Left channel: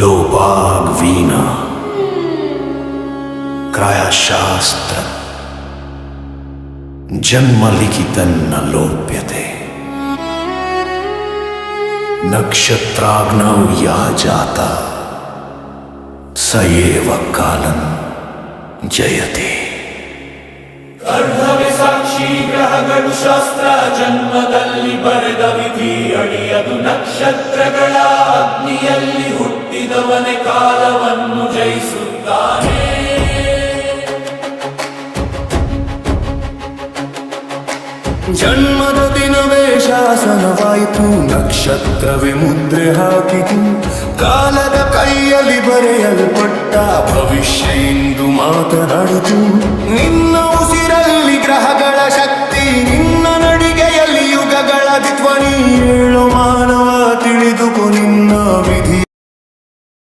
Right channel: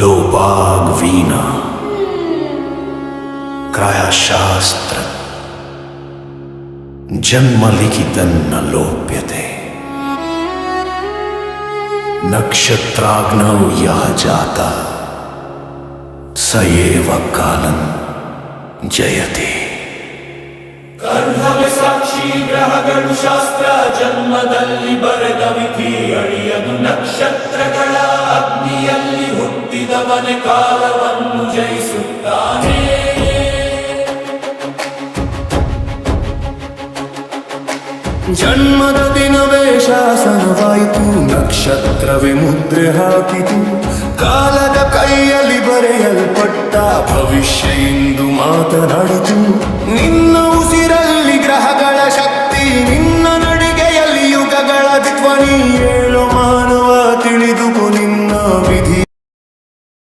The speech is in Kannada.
ಲೋಪಾಗ್ವೀನ ಕ್ರಾಯಶಾಸ್ತ್ರ ಜನ್ಮಲಿಖಿತನ್ನ ಲೋಪ್ಯತೆ ನಕ್ಷತ್ರಾಗ್ನೌ ಯಃ ಜಾತ ಸ ಏವ ಕಾಲನ್ ಜಯತೆ. ಕರ್ಣವೆ ಸಾಕ್ಷಿ ಗ್ರಹಗಳು ಶಾಸ್ತ್ರ ಜನ್ಮದಲ್ಲಿ ಬರೆದ ವಿಧಿ ಅಳಿಯದು ನಕ್ಷತ್ರಗಳ ಅಗ್ನಿಯಲ್ಲಿ ಹುಟ್ಟಿದವನೇ ಕಾಲವನ್ನು ಜಯಿಸುತ್ತಾನೆ. ಜನ್ಮದ ದಿನವೇ ಶಾಸನವಾಯಿತು, ನಕ್ಷತ್ರವೇ ಮುದ್ರೆ ಹಾಕಿತು, ಕಾಲದ ಕೈಯಲ್ಲಿ ಬರೆಯಲ್ಪಟ್ಟ ಭವಿಷ್ಯ ಇಂದು ಮಾತನಾಡಿತು. ನಿನ್ನ ಉಸಿರಲ್ಲಿ ಗ್ರಹಗಳ ಶಕ್ತಿ, ನಿನ್ನ ನಡಿಗೆಯಲ್ಲಿ ಯುಗಗಳ ಧ್ವನಿ. ಏಳು ಮಾನವ ತಿಳಿದುಕೊ ನಿನ್ನ ವಿಧಿ